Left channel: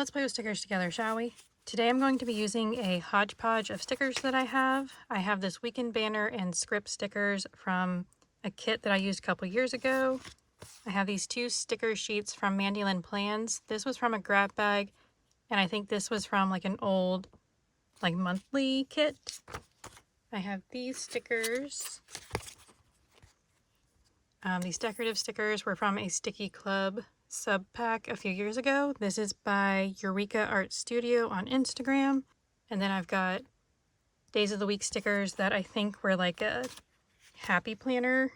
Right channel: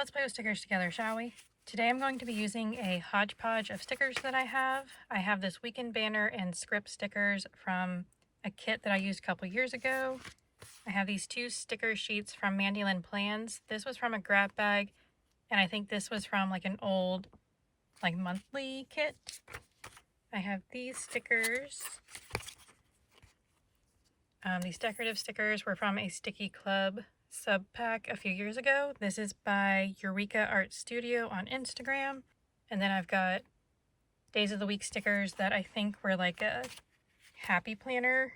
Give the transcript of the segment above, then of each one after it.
Let's play with stickers together, shall we? Today I'm going to be using a hodgepodge of stickers that I have. I have this weekend banner and script stickers from a kit that I used a couple years ago. I have these two sticker sheets from MandyLynnPlans. This was from a grab bag, and I think this was from like an old monthly kit. I have these stickers. These decorative stickers were from a StickiiClub sub pack a few years ago. This is by Eureka Art Studio on Instagram. And then I've got Days of the Week stickers that I think were like a Happy Planner,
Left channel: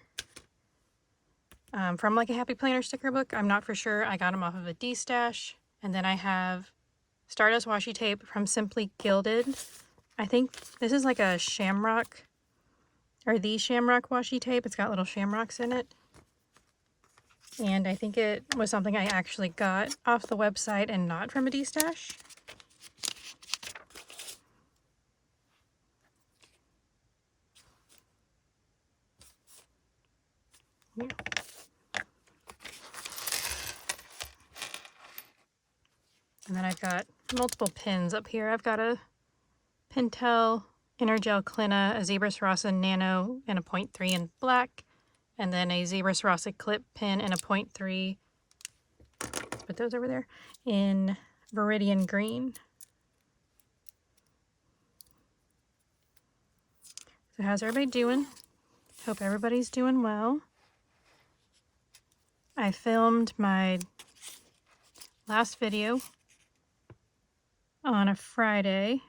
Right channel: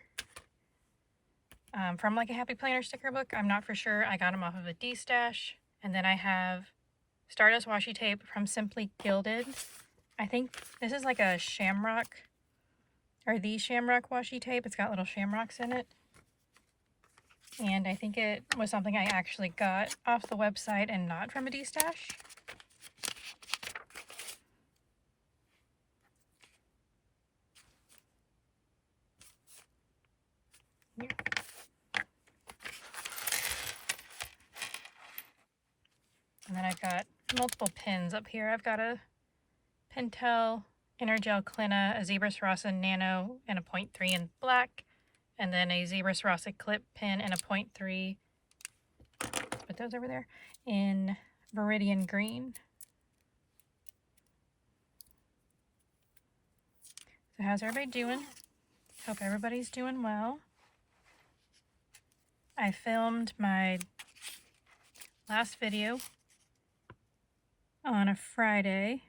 from like a Happy Planner sticker book. I'm not for sure. I got them off of a D-stash. And then I have Stardust washi tape from Simply Gilded. I think this is like a shamrock, or the shamrock washi tape. It's got little shamrocks in it. And I think it was something I actually got off the website and not from a D-stash. Yeah. And then I've got multiple pins up here. I've got a Pentel Intergel Clina, a Zebra Sarasa Nano, and a 0.3 in black. And then a Zebra Sarasa clip pin and a 0.3, put those over there, in Viridian Green. So how's everybody doing? Hope everybody's doing well. I filmed my last video on a Friday,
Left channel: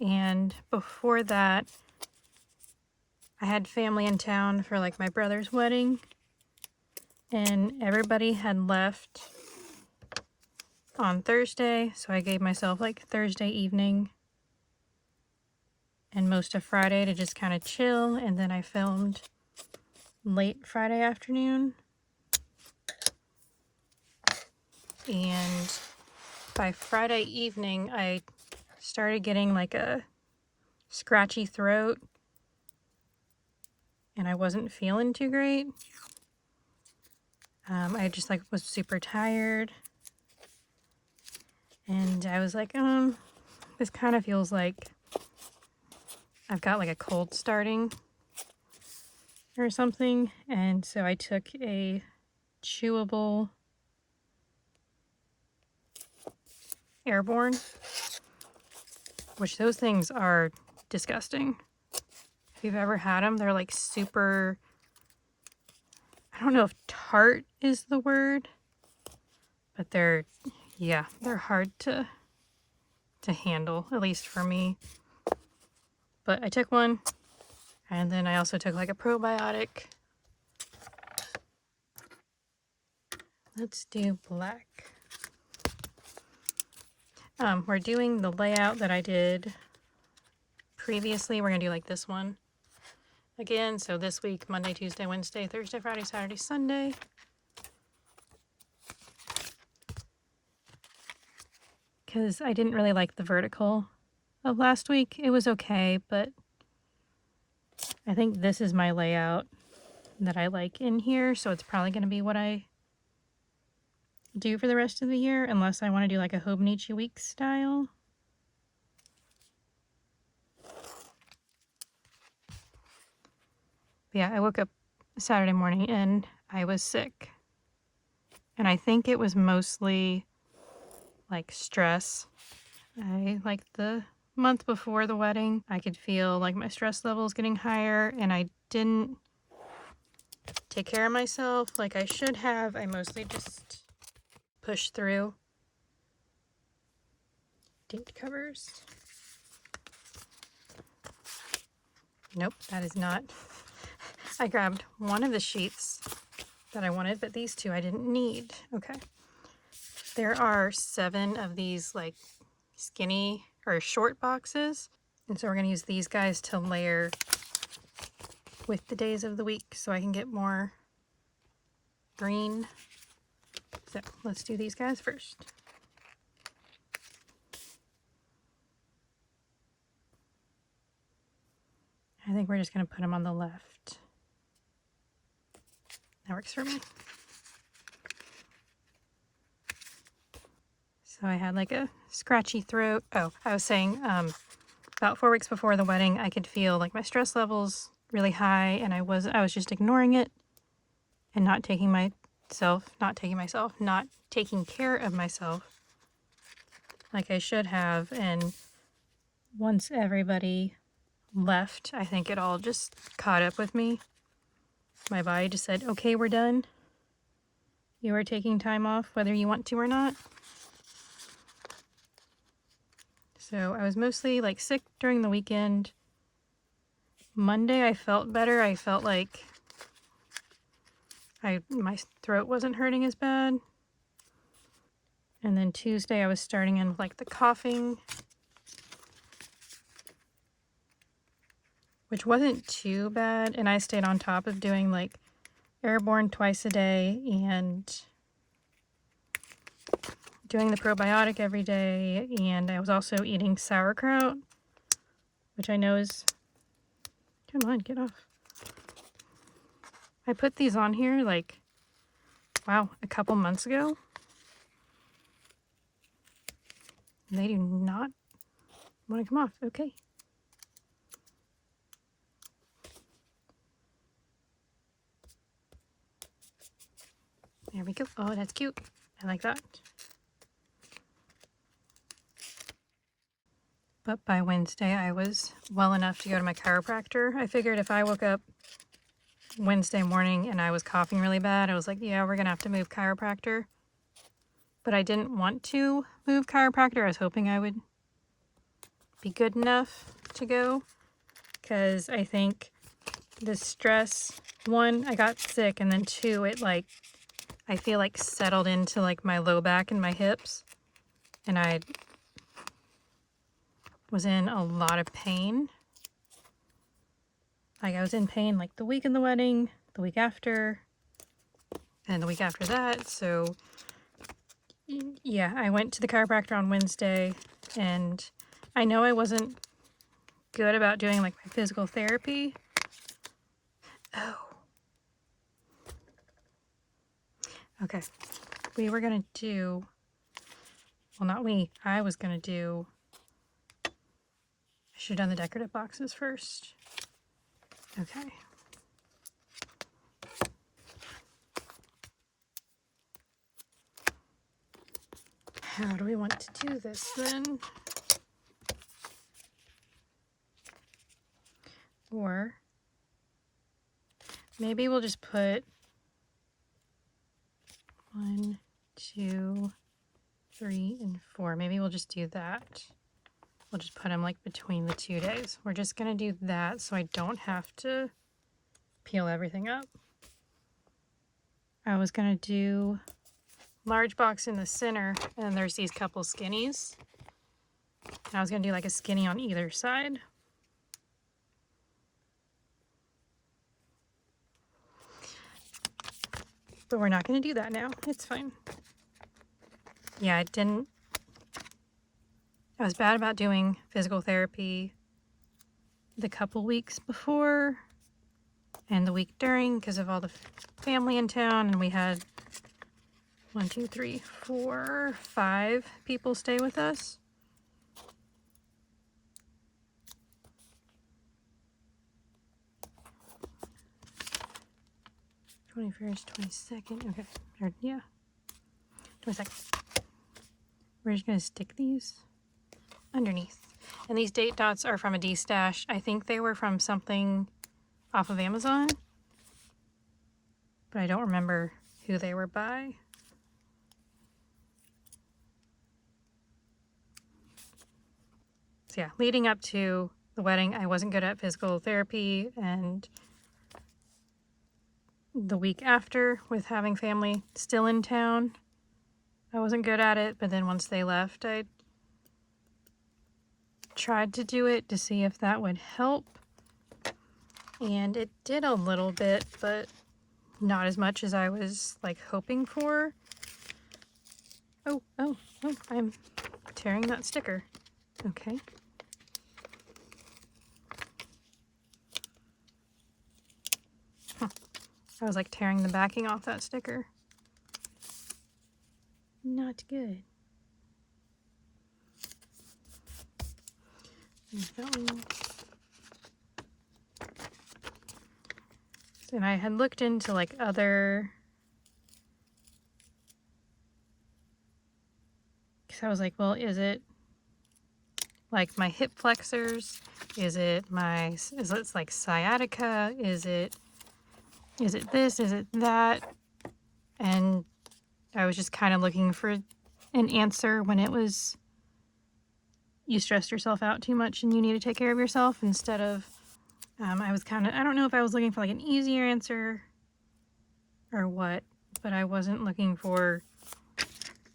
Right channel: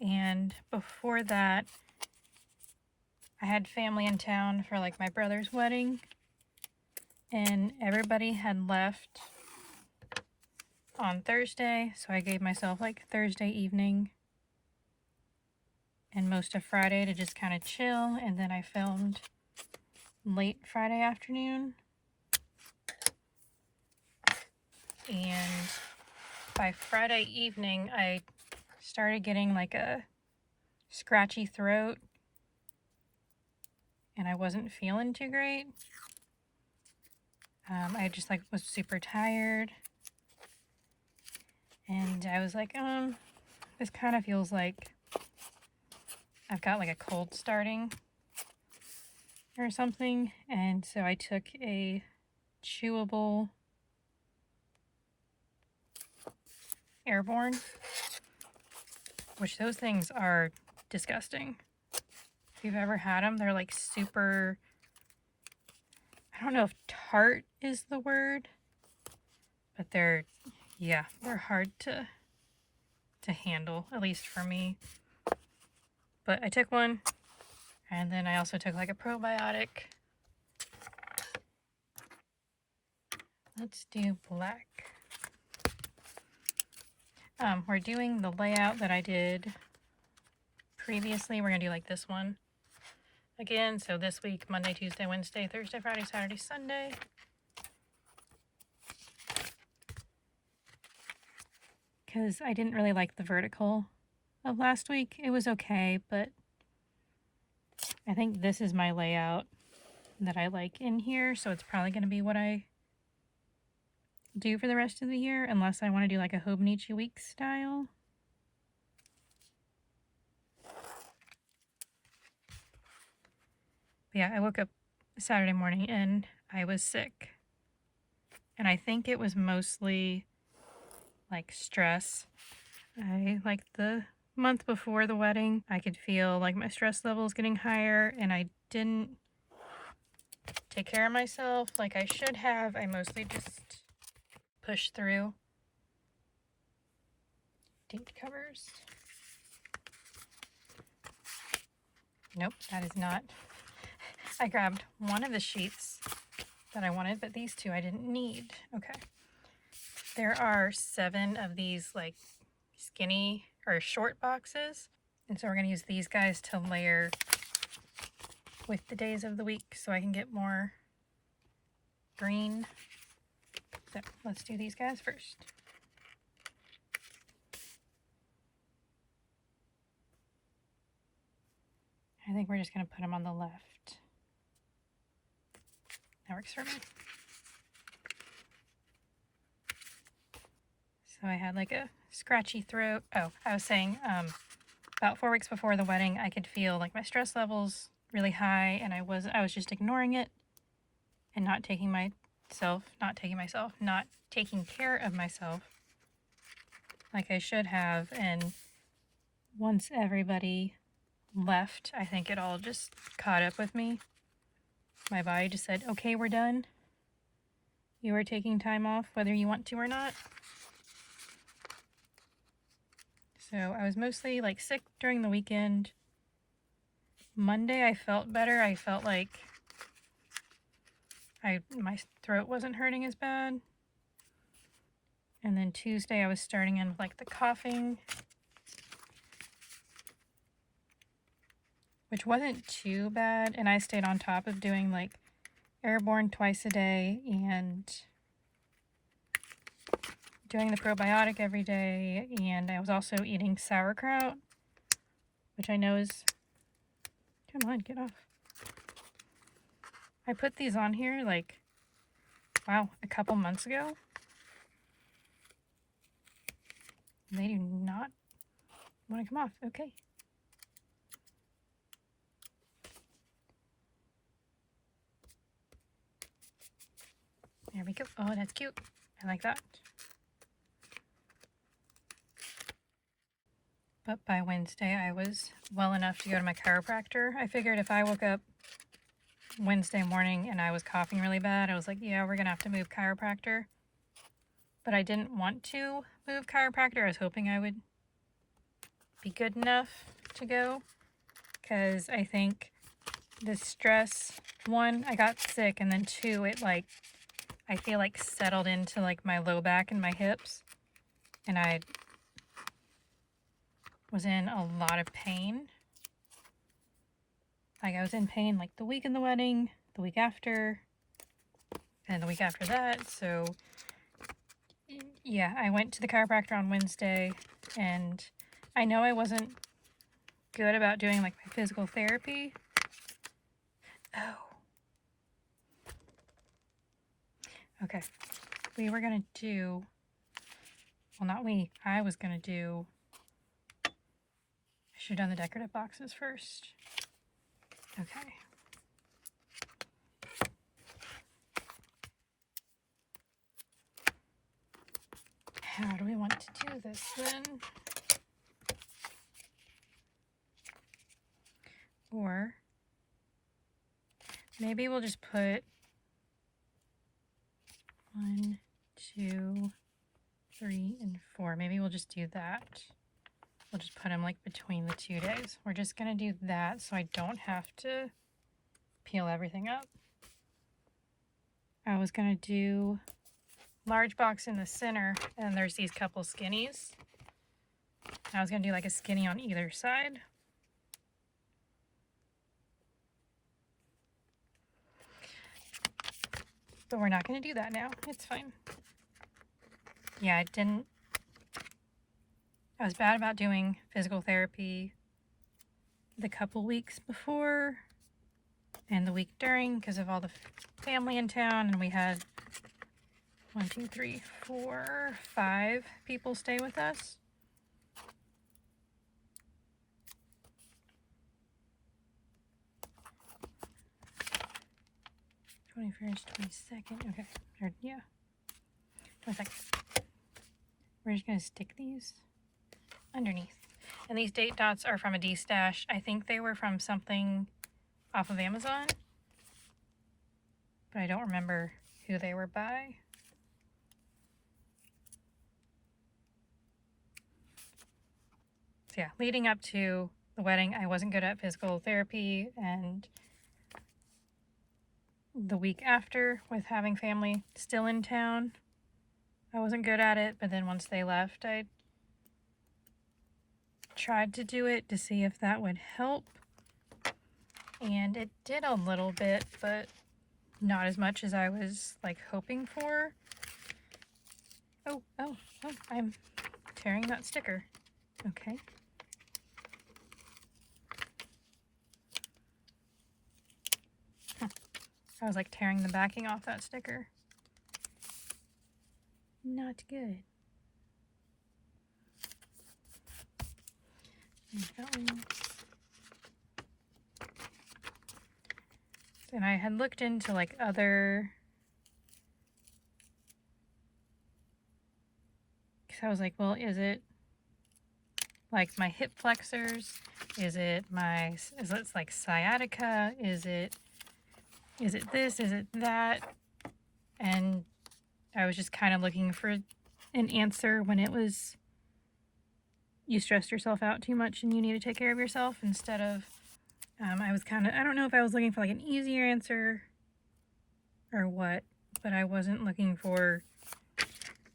and before that I had family in town for like my brother's wedding, and everybody had left on Thursday, so I gave myself like Thursday evening and most of Friday to just kind of chill, and then I filmed late Friday afternoon. And by Friday evening I started getting like a scratchy throat, and I wasn't feeling too great. I just like was super tired, and I was like, this kind of feels like I've got like a cold starting or something. And so I took a chewable Airborne, which those things are disgusting. If you've ever had them, they're like super, I don't know if tart is the word, but they're hard to handle, at least for me. But I took one, and then I also took like a probiotic. Let's do black. We're doing the layout that I did previously. We're gonna do like this one again. So this week, Monday, Tuesday, Wednesday, Thursday, Friday, Saturday, Sunday. Because I didn't really like the vertical of last week. It was okay, but I think this is my layout that I like in here, so it's probably going to be what I do for the rest of the year, unless I want to do like a Hobonichi week style. But yeah, I woke up Saturday morning and I was sick, and I think it was mostly like stress. Like the month before the wedding, I could feel like my stress levels getting higher, and I didn't take care of myself like I should have. I mostly just pushed through. Date covers. Nope, that is not. I grabbed one of the sheets that I wanted, but these two I didn't need. Okay. There are 7 of these like skinny or short boxes, and so we're going to use these guys to layer with the days of the week so I can get more green. So let's do these guys first. I think we're just going to put them on the left. That works for me. So I had like a scratchy throat. Oh, I was saying about 4 weeks before the wedding, I could feel like my stress levels really high, and I was just ignoring it and not taking care of myself like I should have. And once everybody left, I think it all just caught up with me. My body just said, okay, we're done. You are taking time off whether you want to or not. So I was mostly like sick during the weekend. Monday I felt better. I felt like my throat wasn't hurting as bad. And then Tuesday I was starting in with like the coughing, which wasn't too bad. And I stayed on top of doing like airborne twice a day and doing the probiotic every day. And I was also eating sauerkraut, which I know is, come on, get off. I put these on here like, wow, a couple months ago. They do not want to come off. Okay. There we go. Oh, that's cute. I like that. But by Wednesday, I was well enough to go to my chiropractor. I figured if I woke up Wednesday morning and I was coughing really bad, I was like, yeah, we're going to have to move chiropractor. But I didn't want to move chiropractor. I was hoping I would be good enough to go, because I think the stress, one, I got sick, and then two, it like, I feel like settled into like my low back and my hips, and I was in a lot of pain. Like I was in pain like the week of the wedding, the week after, and the week after that. So yeah, I went to the chiropractor on Wednesday, and I know I wasn't good about doing like my physical therapy. Oh. Okay. We were going to do, well, not we, I was going to do, I should have done the decorative boxes first. Okay. How do we want to do this then? Or maybe we'll just put 1, 2, 3, and 4. Maybe we'll just do that. We'll just put them like between the 2 days. We're just going to do that so I don't have to peel everything up. I was going to do large box in the center, and then there's these couple skinnies. And I was going to do like a skinny on either side. But we're not going to do that now. It's fine. Yeah, I was bad about doing physical therapy the couple weeks before and the week during because of all the family in town, and we had 1, 2, 3, 4, 5 people stay with us. #21st, 22nd. Okay, here, yeah. 22nd. We're just gonna stick these underneath. And these date dots are from a D-stash. I think they were from something off of Amazon, but I don't remember who they were by. So yeah, leading up to the wedding, I wasn't good at physical therapy, and the week after, with having family still in town, I wasn't good at it. But then once they left, I tried to do it to see if that would help, and it did a little bit, but not as much as I was like hoping for. Oh, I'm tearing that sticker. Okay. I was like tearing the backing off that sticker. Not good. And I had looked into like other, because I was like, well, is it like my hip flexors? Is it like sciatica? Is it this? Is it that? And I was just kind of looking for an answer when it was you stressed yourself out too much and you need to take care of yourself, instead of I was kind of, I don't know if I was looking for like an easier answer or what, but I wasn't looking for,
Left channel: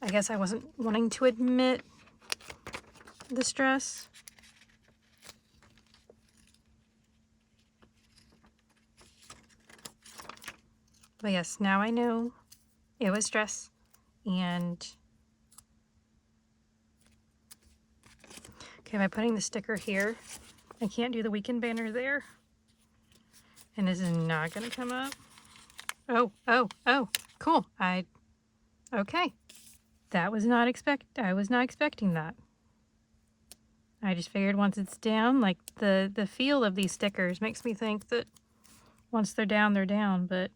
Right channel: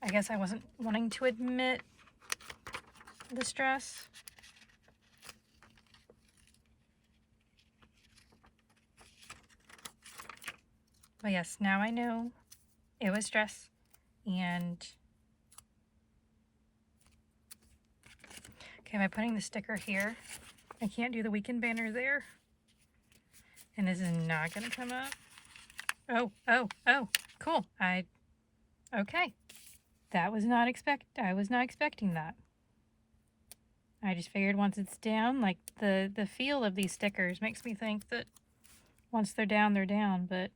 I guess I wasn't wanting to admit the stress. But yes, now I know it was stress. And okay, by putting the sticker here, I can't do the weekend banner there. And this is not gonna come up. Oh, cool. Okay. I was not expecting that. I just figured once it's down, like the feel of these stickers makes me think that once they're down, but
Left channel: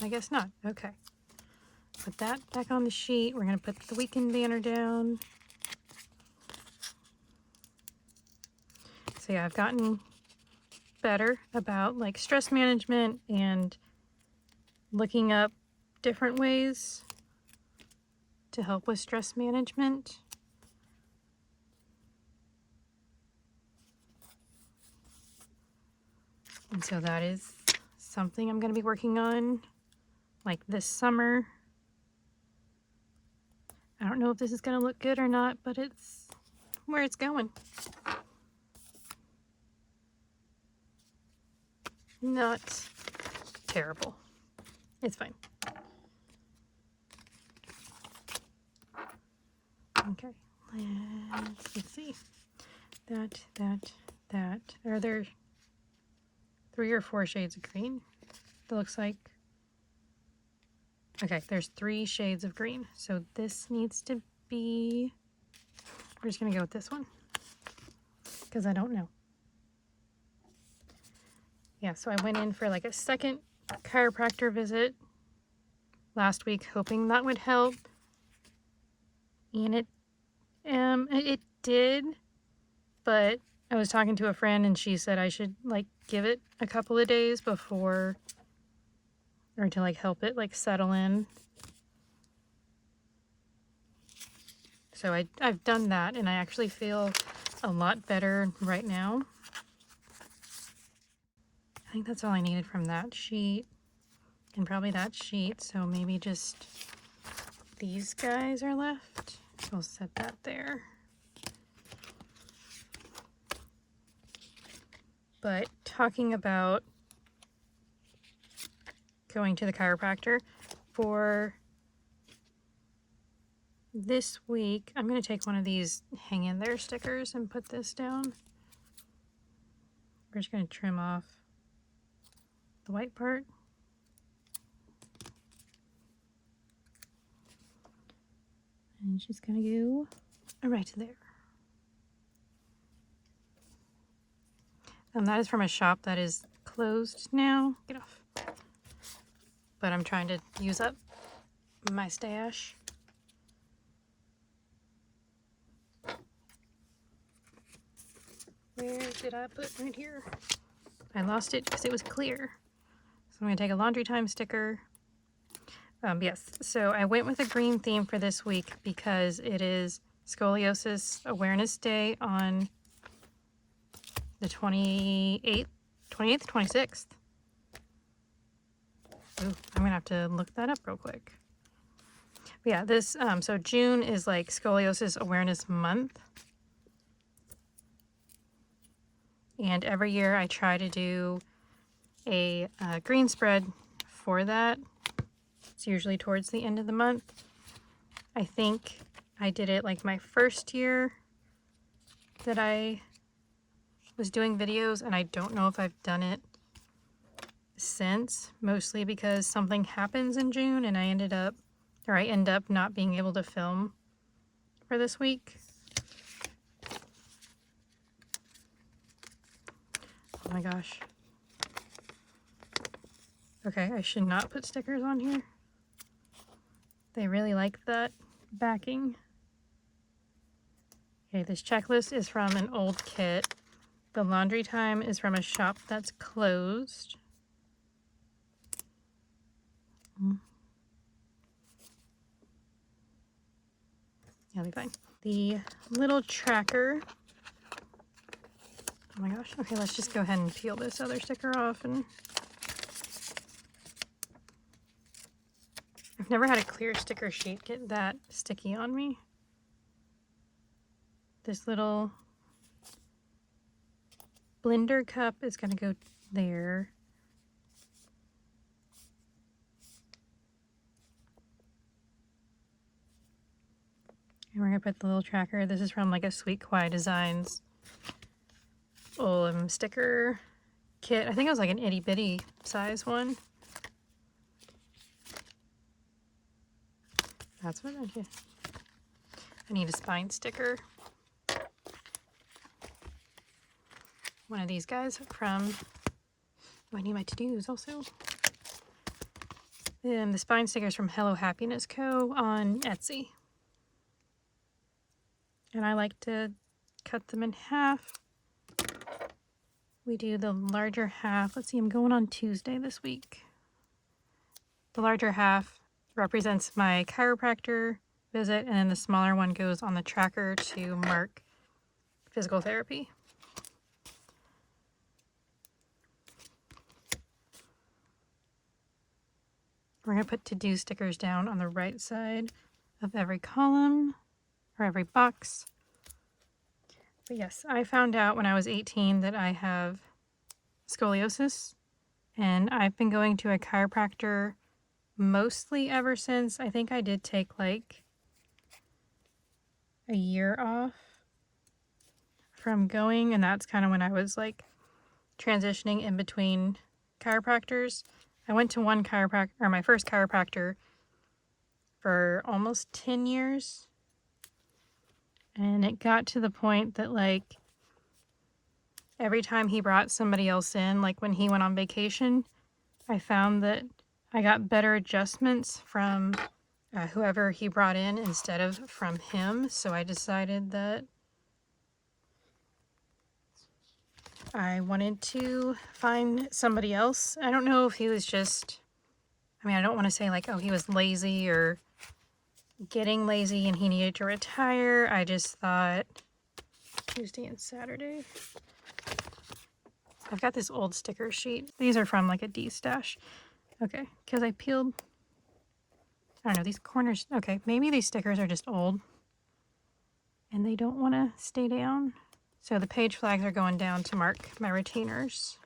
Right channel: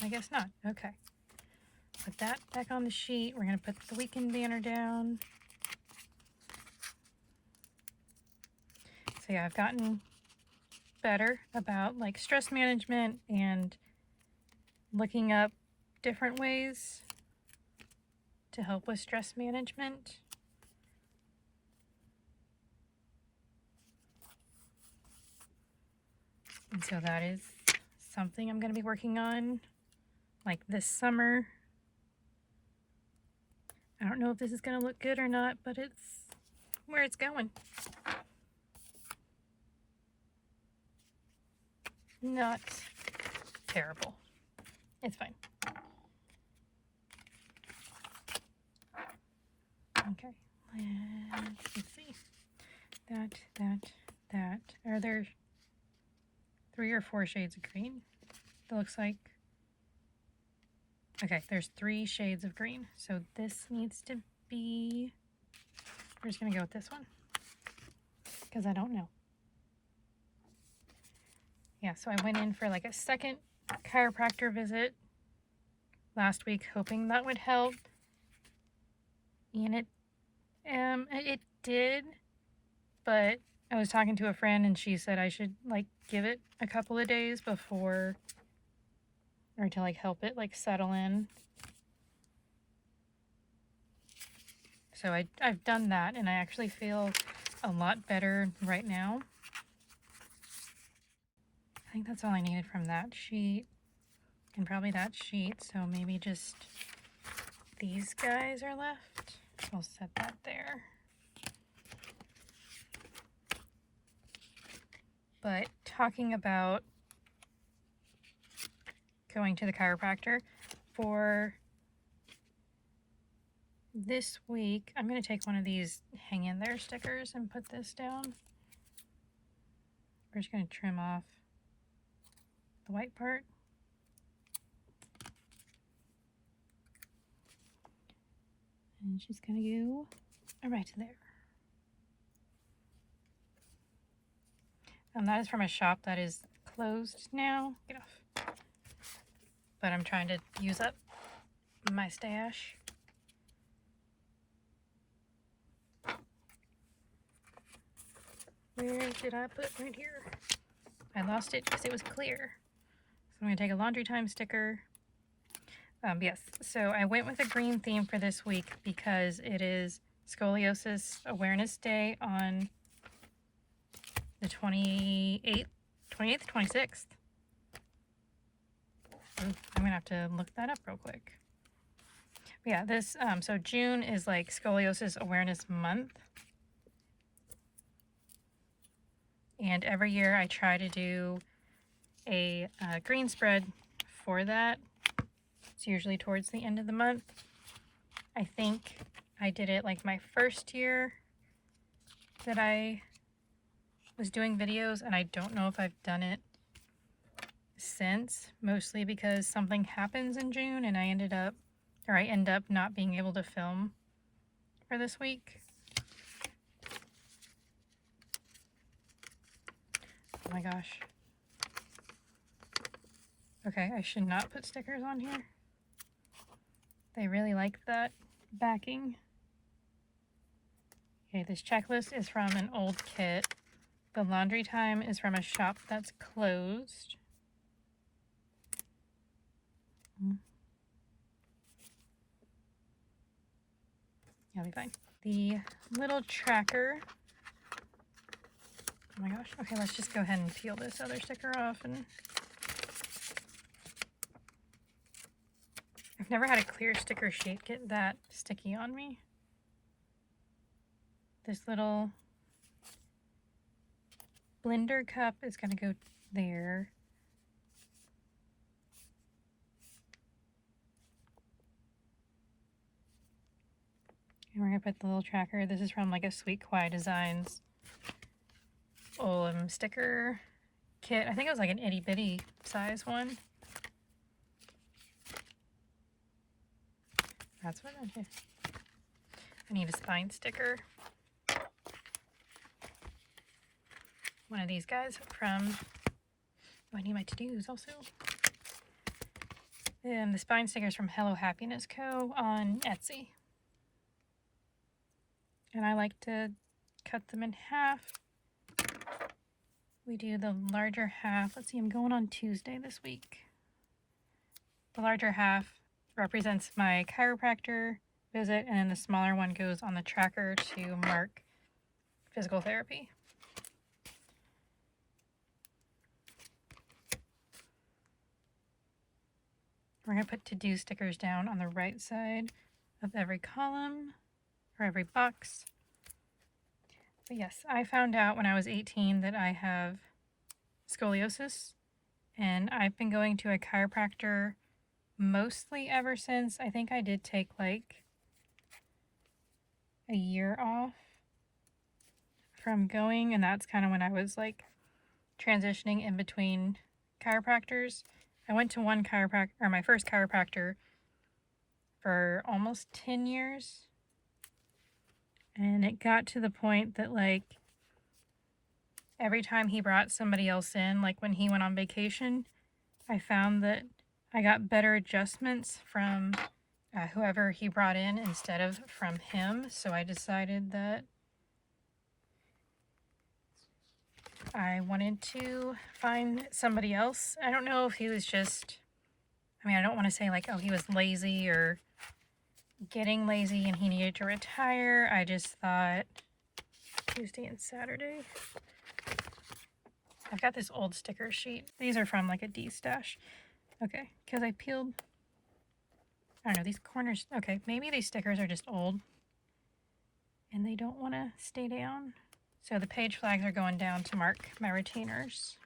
I guess not. Okay. Put that back on the sheet. We're gonna put the weekend banner down. So yeah, I've gotten better about like stress management and looking up different ways to help with stress management. And so that is something I'm going to be working on like this summer. I don't know if this is going to look good or not, but it's where it's going. Not terrible. It's fine. Okay. Let's see. That. Are there 3 or 4 shades of green? It looks like. Okay, there's 3 shades of green. So this needs to be, we're just gonna go with this one because I don't know. Yeah, so I went in for like a second chiropractor visit last week, hoping that would help. And it did, but I was talking to a friend and she said I should like give it a couple of days before, or to like help it like settle in. So I've done that and I actually feel a lot better right now. I think that's all I needed from that sheet and probably that sheet. So maybe just these guys are left. So I'll set that there. But talking about going to the chiropractor for this week, I'm going to take one of these hang in there stickers and put this down. We're just going to trim off the white part. And it's just going to go right there. And that is from a shop that is closed now. Get off. But I'm trying to use up my stash. Where did I put right here? I lost it because it was clear. So I'm going to take a laundry time sticker. Yes, so I went with a green theme for this week because it is Scoliosis Awareness Day on the 28th, 26th. Ooh, I'm gonna have to look that up real quick. But yeah, this, so June is like Scoliosis Awareness Month. And every year I try to do a green spread for that. It's usually towards the end of the month. I think I did it like my first year that I was doing videos, and I don't know if I've done it since, mostly because something happens in June and I end up not being able to film for this week. Oh my gosh. Okay, I should not put stickers on here. They really like that backing. Okay, this checklist is from an old kit. The laundry time is from a shop that's closed. It'll be fine. The little tracker. Oh my gosh. Okay, let's just go ahead and peel this other sticker off. And I've never had a clear sticker sheet get that sticky on me. This little blender cup is going to go there. And we're going to put the little tracker. This is from like a Sweet Kawaii Designs sticker kit. I think it was like an itty bitty size one. That's what I did. I need a spine sticker. One of these guys from, I need my to-dos also. And the spine stickers from HelloHappinessCo on Etsy. And I like to cut them in half. We do the larger half. Let's see, I'm going on Tuesday this week. The larger half represents my chiropractor visit, and the smaller one goes on the tracker to Merc physical therapy. We're going to put to-do stickers down on the right side of every column or every box. But yes, I found out when I was 18 that I have scoliosis, and I've been going to a chiropractor mostly ever since. I think I did take like a year off from going, and that's kind of when I was like transitioning in between chiropractors. I went to one chiropractor, or my first chiropractor, for almost 10 years. And it got to the point that like every time he brought somebody else in, like when he went on vacation, I found that I got better adjustments from whoever he brought in instead of from him. So I decided that I wanted to find somebody else. I don't know if he was just, I mean, I don't want to say like, oh, he was lazy or getting lazy and he needed to retire. I just thought Tuesday and Saturday. I've got this old sticker sheet. These are from like a D-stash. Okay, because I peeled, I don't know, these corners. Okay, maybe these stickers are just old and they don't want to stay down. So the page flags are going down to mark my retainers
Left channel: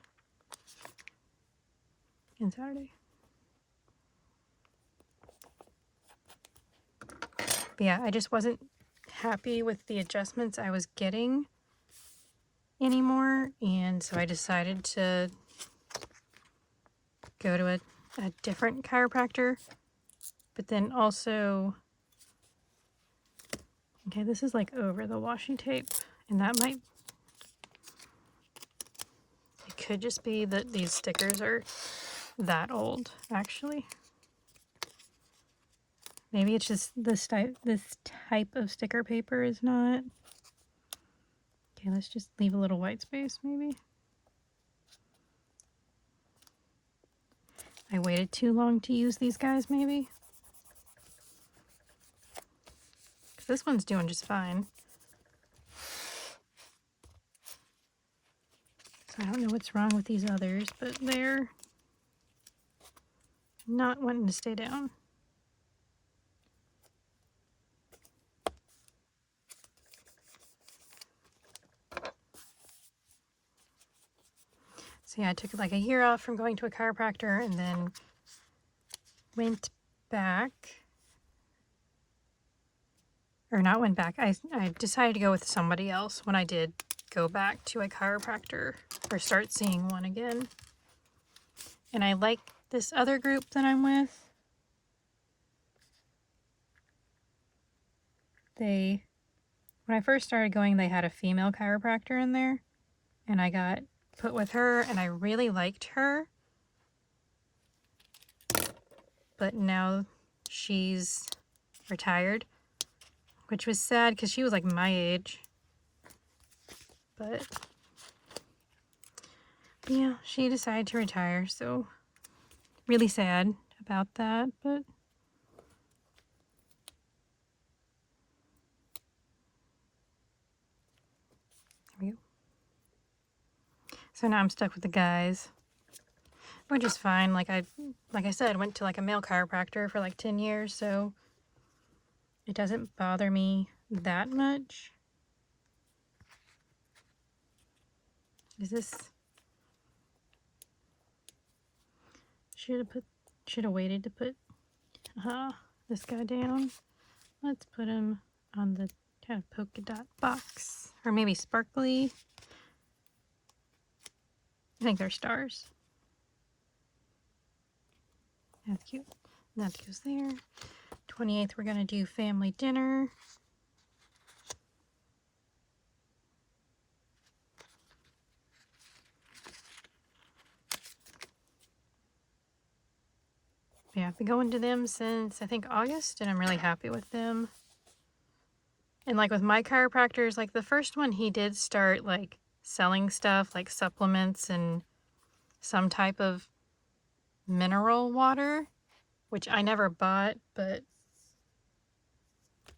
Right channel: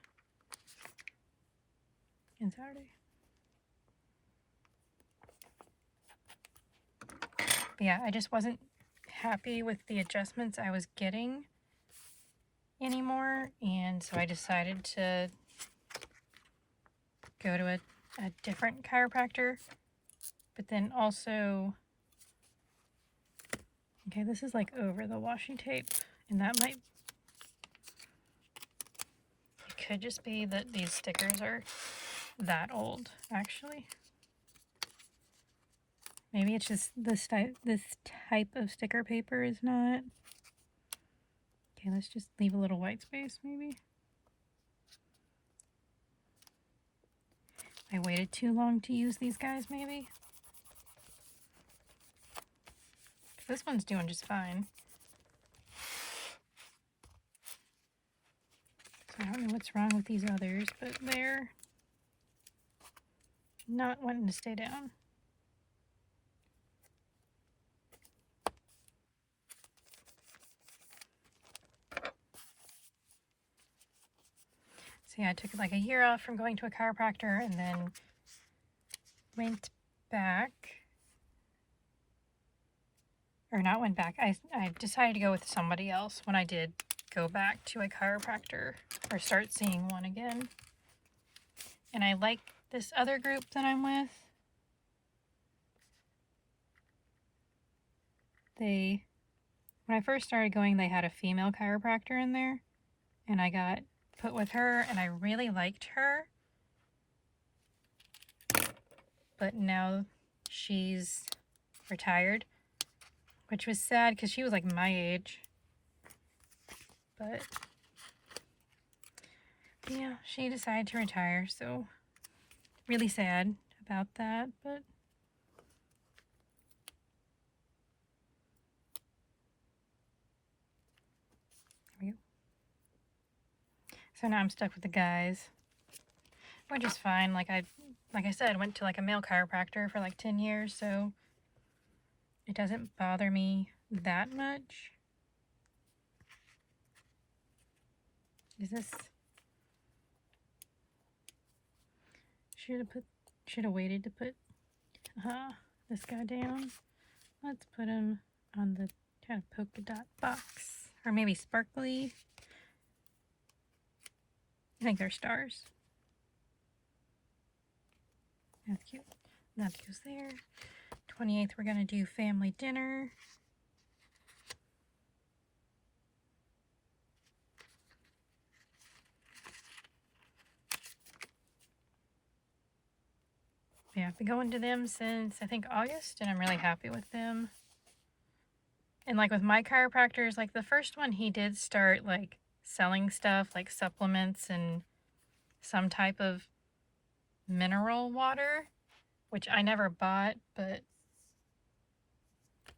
on Saturday. But yeah, I just wasn't happy with the adjustments I was getting anymore, and so I decided to go to a different chiropractor. But then also, okay, this is like over the washi tape, and that might, it could just be that these stickers are that old, actually. Maybe it's just this type of sticker paper is not. Okay, let's just leave a little white space, maybe. I waited too long to use these guys, maybe. This one's doing just fine. So I don't know what's wrong with these others, but they're not wanting to stay down. So yeah, I took like a year off from going to a chiropractor and then went back. Or not went back. I decided to go with somebody else when I did go back to a chiropractor or start seeing one again. And I like this other group that I'm with. When I first started going, they had a female chiropractor in there, and I got put with her, and I really liked her. But now she's retired, which was sad because she was like my age. But yeah, she decided to retire, so really sad about that, but there we go. So now I'm stuck with the guys, which is fine. Like I said, went to like a male chiropractor for like 10 years, so it doesn't bother me that much. Is this... Should have waited to put this guy down. Let's put him on the kind of polka dot box, or maybe sparkly. I think they're stars. That's cute. That goes there. 28th, we're gonna do family dinner. Yeah, I've been going to them since I think August, and I'm really happy with them. And like with my chiropractors, like the first one, he did start like selling stuff like supplements and some type of mineral water, which I never bought, but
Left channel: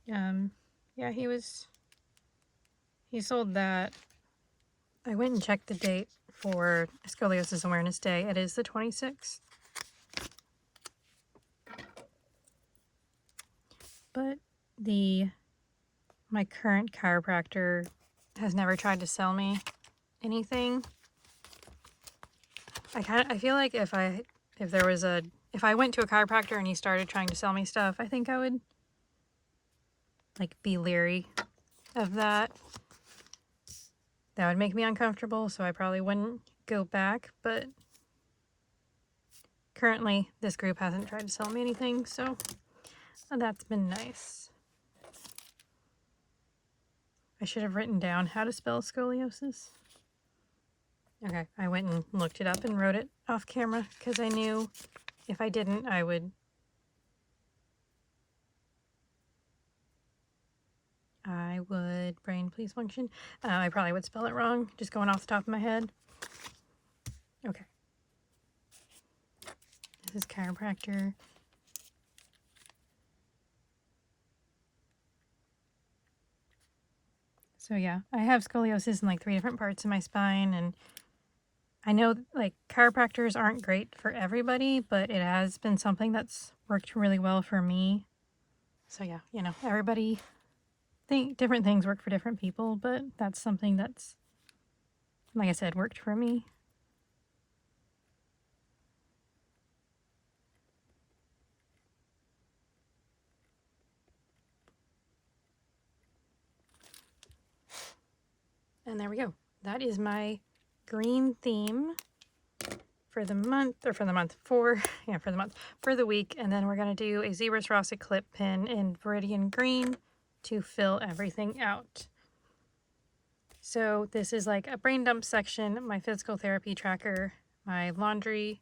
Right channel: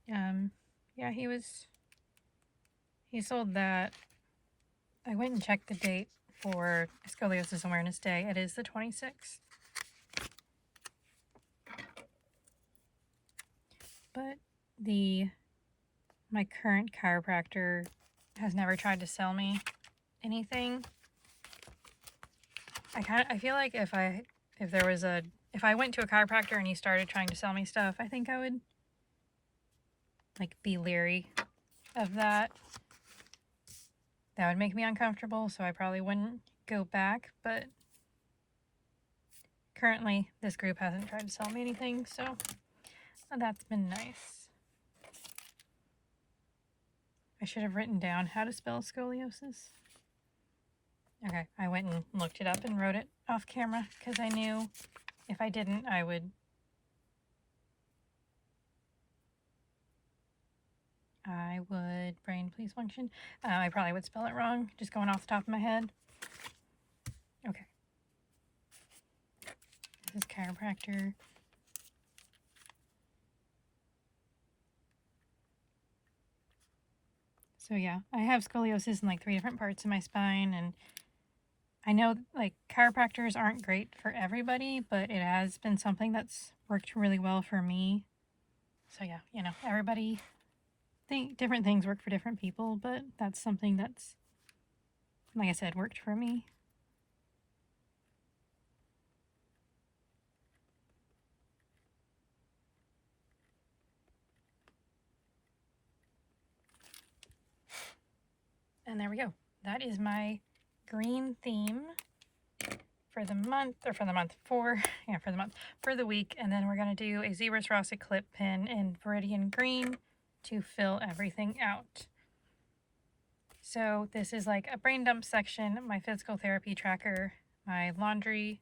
yeah, he sold that. I went and checked the date for Scoliosis Awareness Day. It is the 26th. But my current chiropractor has never tried to sell me anything. I feel like if I went to a chiropractor and he started trying to sell me stuff, I think I would like be leery of that. That would make me uncomfortable, so I probably wouldn't go back, but currently this group hasn't tried to sell me anything, so that's been nice. I should have written down how to spell scoliosis. Okay, I went and looked it up and wrote it off camera because I knew if I didn't, I would brain please function. I probably would spell it wrong, just going off the top of my head. Okay. This is chiropractor. So yeah, I have scoliosis in like 3 different parts of my spine, and I know like chiropractors aren't great for everybody, but it has been something that's worked really well for me. So yeah, you know, everybody different things work for different people, but that's something that's, like I said, worked for me. And there we go. That is my green theme for the month, or for the week. And then we're going to do a Zebra Swarovski clip pin in Viridian Green to fill everything out. So this is like a brain dump section, my physical therapy tracker, my laundry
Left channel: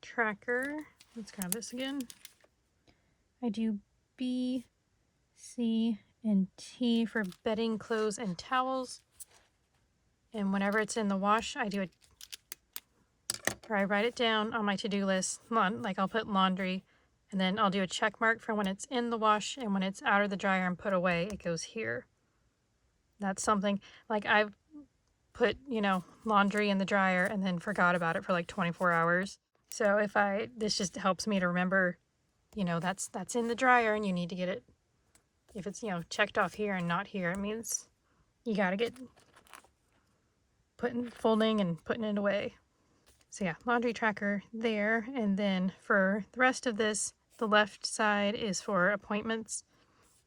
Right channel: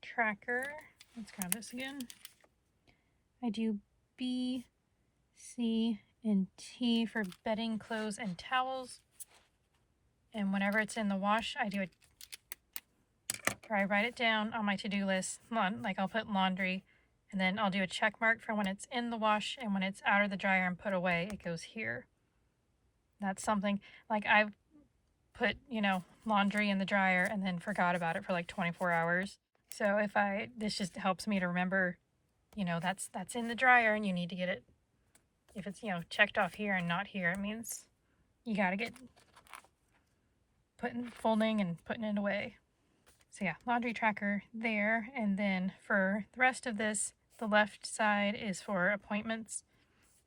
tracker. Let's grab this again. I do B, C, and T for bedding, clothes, and towels. And whenever it's in the wash, I write it down on my to-do list. Like I'll put laundry, and then I'll do a check mark for when it's in the wash, and when it's out of the dryer and put away, it goes here. That's something, like I've put, you know, laundry in the dryer and then forgot about it for like 24 hours. So this just helps me to remember, you know, that's in the dryer and you need to get it. If it's, you know, checked off here and not here, it means you got to get folding and putting it away. So yeah, laundry tracker there. And then for the rest of this, the left side is for appointments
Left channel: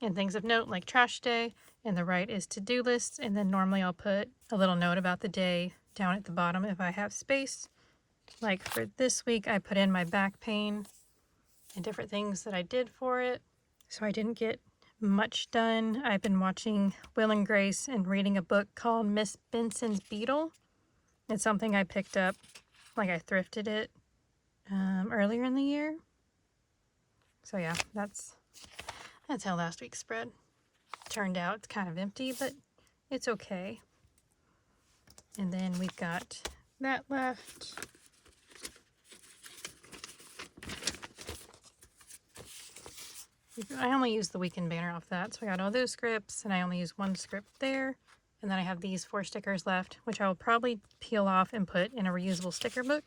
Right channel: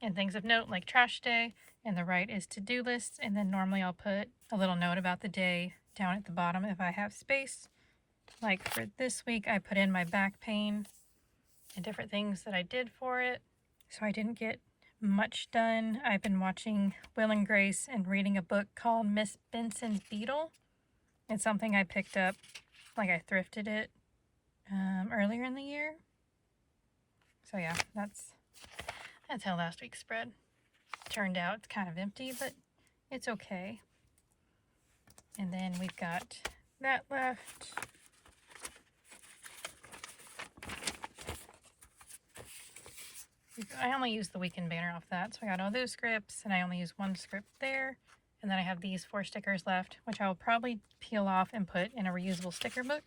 and things of note like trash day, and the right is to-do lists. And then normally I'll put a little note about the day down at the bottom if I have space. Like for this week, I put in my back pain and different things that I did for it. So I didn't get much done. I've been watching Will and Grace and reading a book called Miss Benson's Beetle. It's something I picked up, like I thrifted it earlier in the year. So yeah, that's how last week's spread turned out. It's kind of empty, but it's okay. And then we've got that left. I only used the weekend banner off that, so I got all those scripts, and I only used one script there. And then I have these 4 stickers left, which I'll probably peel off and put in a reusable sticker book.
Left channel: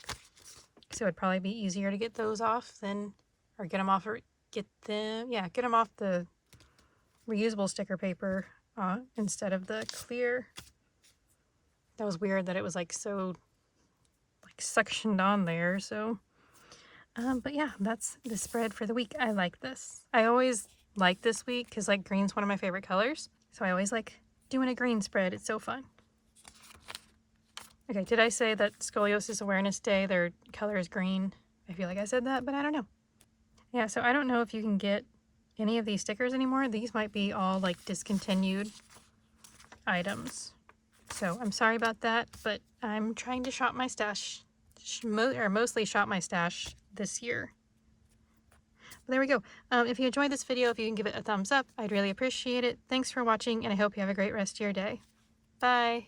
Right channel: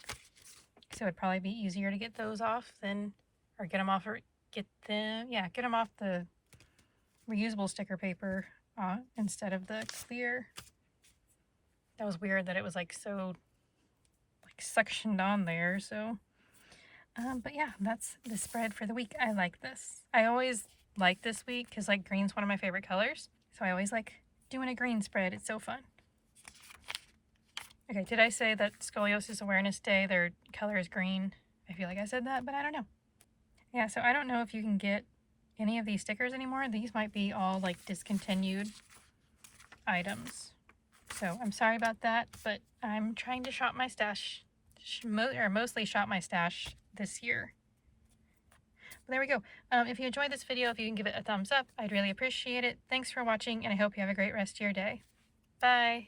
So it'd probably be easier to get those off than, or get them off, or get them off the reusable sticker paper instead of the clear. That was weird that it was like so like suctioned on there. So, but yeah, that's the spread for the week. I like this. I always like this week because like green's one of my favorite colors. So I always like doing a green spread. It's so fun. Okay, did I say that Scoliosis Awareness Day, their color is green? I feel like I said that, but I don't know. Yeah, so I don't know if you can get any of these stickers anymore. These might be all like discontinued items. So I'm sorry about that, but I'm trying to shop my stash, or mostly shop my stash this year. But there we go. If you enjoyed this video, if you can give it a thumbs up, I'd really appreciate it. Thanks for watching, and I hope you have a great rest of your day. Bye.